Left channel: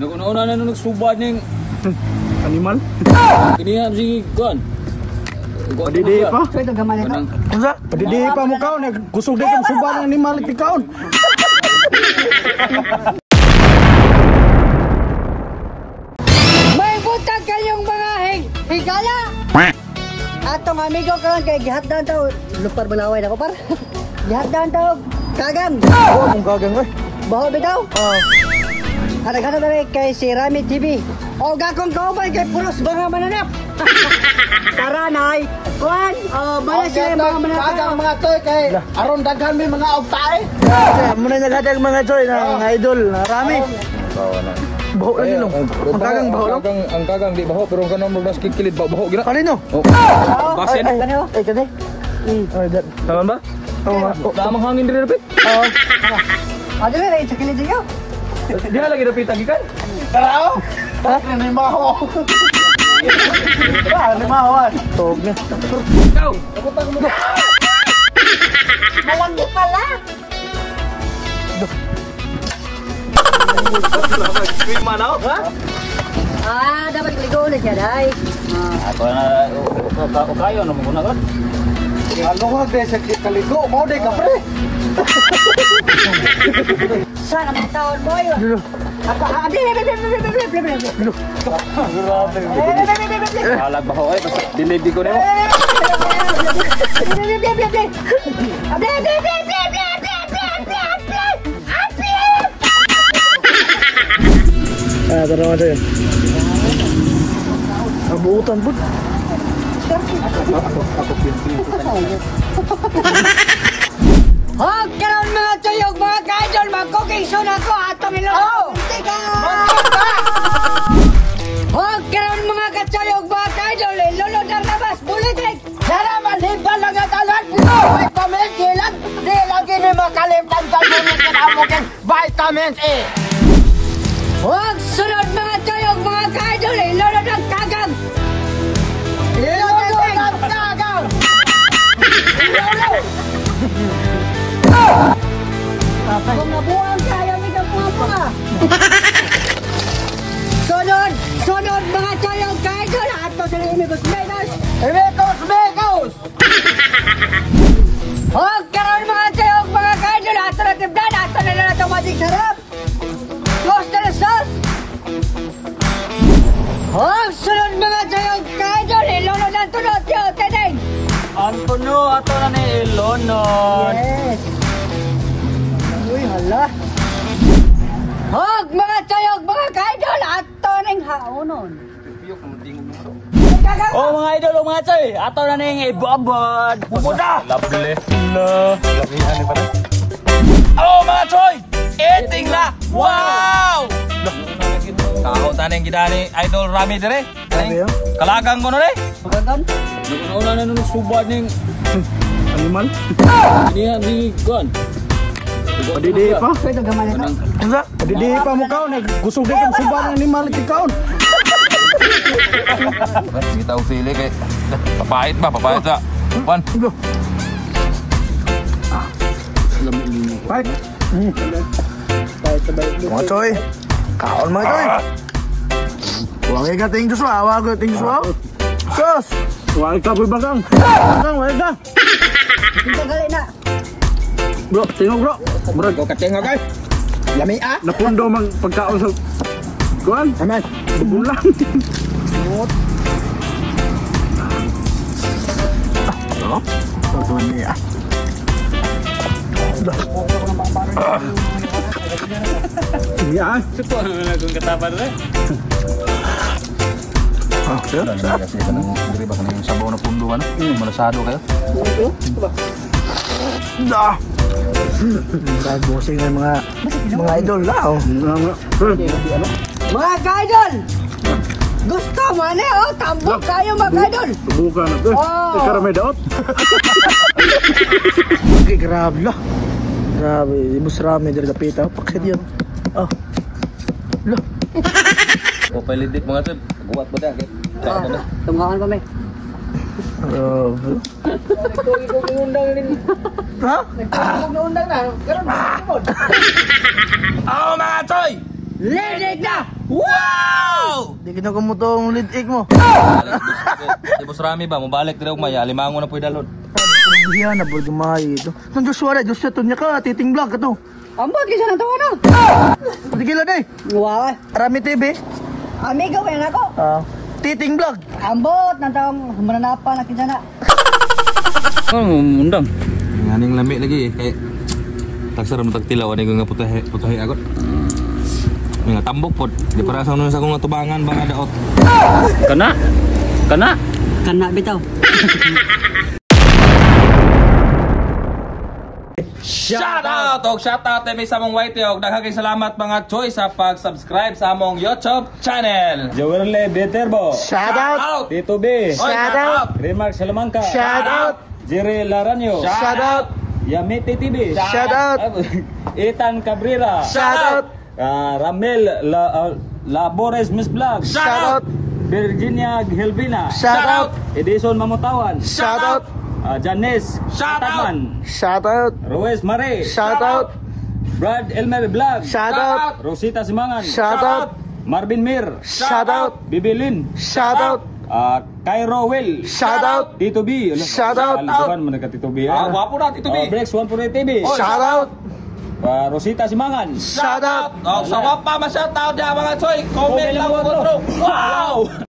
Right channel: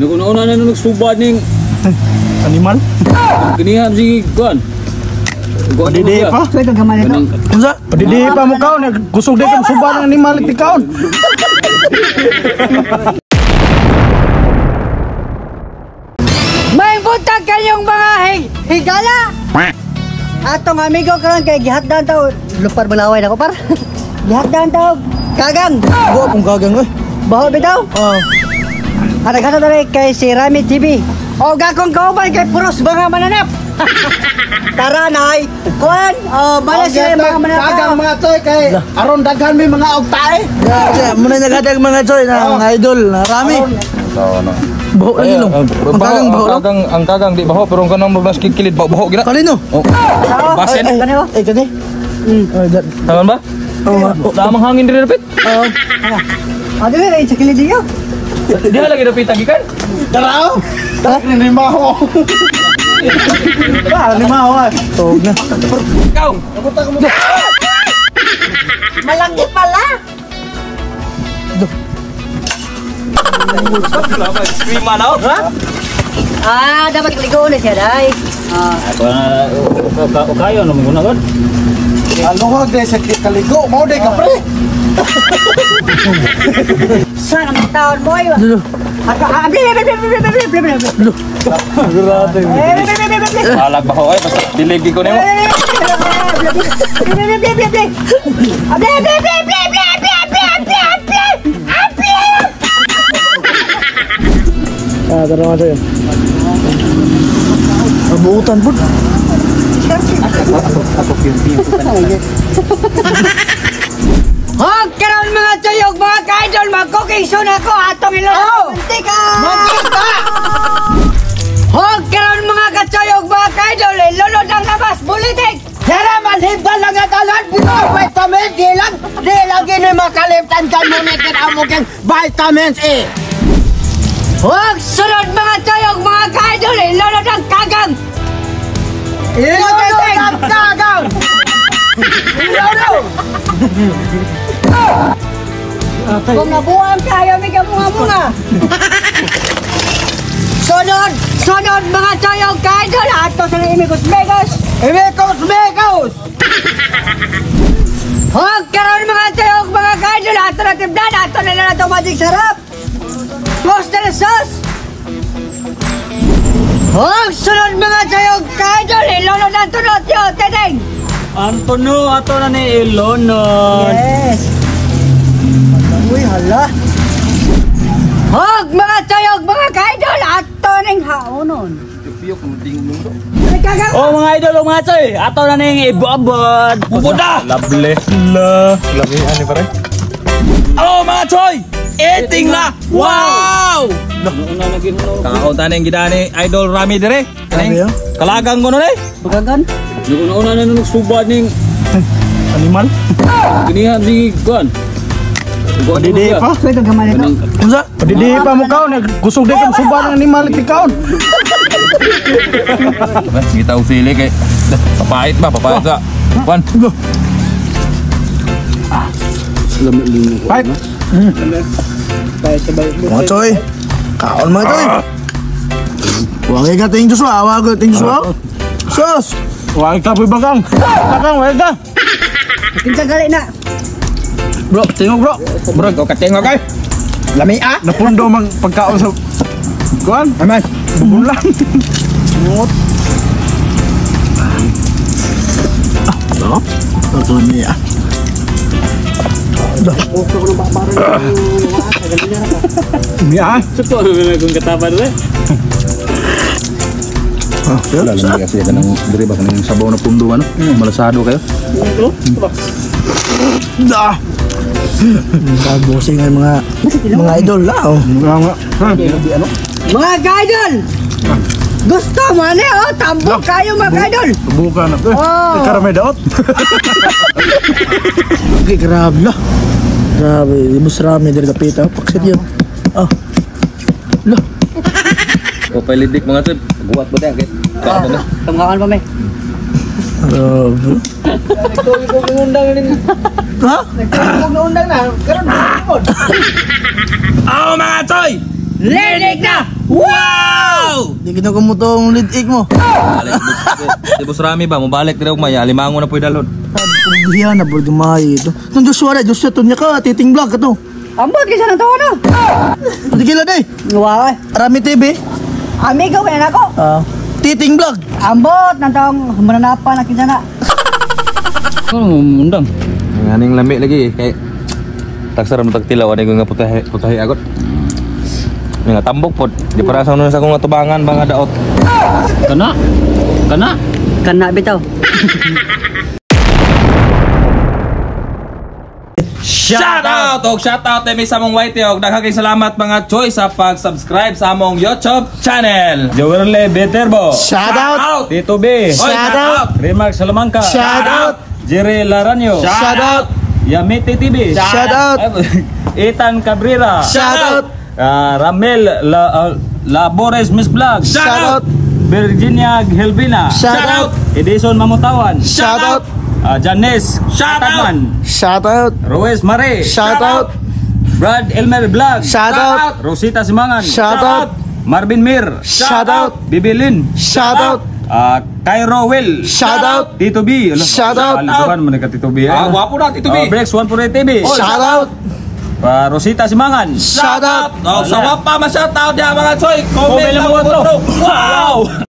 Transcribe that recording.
Naguna-una na nagsubad ning animal. Ginihan si kuan. Padidi pa. Ito gamay nito. Unsa? Padidi pa mo kaon, kusog di kang subad ng animal ti kaon. May butang kayong mga higala. Atong amigo karon kay gihatdan taw lupar balaway nako par. Gihatdan taw kagang. Akong gagang oy. Baho bitaw. Ada kay si Rami TV. O gakong kauban kay puros mga mananap. Tara nay. Kuan, malas sila mga mananap. Gagang mga toy kay aron daghan may mga ogtae. Muna nagadag mga choy na mga idol, Rami. Baho lagi no. Ang kagang baho lang. Ang kagang di baho pero kanang mas kikilid baho gina. Kanino? Basen. Kanino? Ay kani. Tangan ba? Damang hangin diri repet. Ade ay chakili diyo. Dia lagi dapat tagikan. Tara. Ni maho. Ni maho. Tog na. Kau. Malaki pala. Lima na, ha? Dapat ligo na siya, day. Ako kayo na muna kan? Ano nga dai sa kaligo mo dai ka pre. Sana magtaon mo yun. Alag baho ay basta diligi ko nimo. Tara natin. Nabuutan po. Hog karon mga tuyog mga kaidol mag-cooking soon ako atong ilong mantika. Hog karon mga katuyog mga kaidol lulod ang labas bulitik. Tara malhibal lang at alat buto. Vitamin D lang. Di lagi ni makalimtan ka mo ni kinamukin vitamins A. Hog sunod mga tuyog mga kaidol lulod ang kagang. Ilulod ang kagang. Kung nabuang tayo may kamunga-munga. Sunod mga tuyog kaidol ato sa Imigos Megas. Imigos. Hog karon mga tuyog mga kaidol ato na tibdan ato na lang itong magic sarap. Toaster sauce. Hog sunod mga tuyog kaidol ilunod ang tunod yo teneng. Antonio ato na ni Ilonod. Yes. Uy hala. Hog mga tuyog mga kaidol ato ning haonon. Oh mga idol, mga choy, ato na ning ibuabot. Bubuda. Lovely. Lovely ani pare. Oh mga choy, eating na. Wow! Kakao taning gidani idol Rami dire. Kalagang kono ni. Bukagan. Una na nagsubad ning Animal. ginihan si kuan. Padidi pa. Ito gamay nito. Unsa? Padidi pa mo kaon, kusog di kang subad ng animal ti kaon. Kita usili kay papait ba sa kuan. Right. Mga choy. Kaon mga choy. Wagi ka ting Joshua, wagi ting Joshua. Sus. Wag ka bagang. Bagang wag ka. Kinsa gali na. Bro, tingog bro. Bro, ko kaceng kay. Lami napundo mang pagkaon sa kuan. Aman. Bulan. Ngot. Ano? Ito niya. Ya, Suko kung kataban le. Lalim Lagi kasi kanang diri ba kanang sabaw na pundo ano? Malasado kayo. Dah. Ay bosing ng mga idol lao. Mga kaidol. Gusto mo na tambok kayo mga kaidol. bukan apa? Karame daot. Okay, grabe na. Grabe, ibus rami dari kapita. Paksit yun. Ah. Lah. Ko palidik mga tod. Buat ba dia kay. Tunggawan pa may. Grabe. Ha? Undang na. Karon Oh mga toy! Linig na! Wow! Di kita kumutong lead egg mo. Si Boss Rami ba, mabalik dito umaya, limango na po dalon. Biya na boy dumayi ito. Tong Joshua na, Joshua to niya ka, titing vlog ka to. Ambot kaysa ng tawa na. Hindi kila day. Wow. Rami TV. Amigo kaya na ako. Titing vlog. Ambot ng taong mananapan na kinsa na. Undang. Nganing lami lagi kay taksaram tagtilaw ani ko nga putahi agot. Nga tambok pod. Di para sa sa akong atubangan bang daot. Kana bitaw. Shout out mi sa mong white og daghang salamat mga choy sa pag-subscribe sa among YouTube channel. Jowerle Beterbo. Shout out. Tito B. Shout out. Remark Salamanca. Shout out. Jerry Laranyo. Shout out. Yamete TV. Shout out. Ethan Cabrera. Shout out. Ramel Labores Miss Vlog. Shout out. Virginia Helvina. Shout out. Edison Mamutawan. Shout out. Janice Shout out. Shout out. Roes Mare. Shout out. Brad Elmer Vlog. Shout out. Rosita Simangan. Shout out. Marvin Mir. Shout out. Bibilin. Shout out. Cairo Will. Shout out. Tito B. Shout out. Alikuan mo na ka Tito B. Wapo na Tito B. Breaks 148 TV. Shout out. Rosita Simangan. Shout out. Sa wapa ma shout out ya mga choy. Comment lang mo. Wow!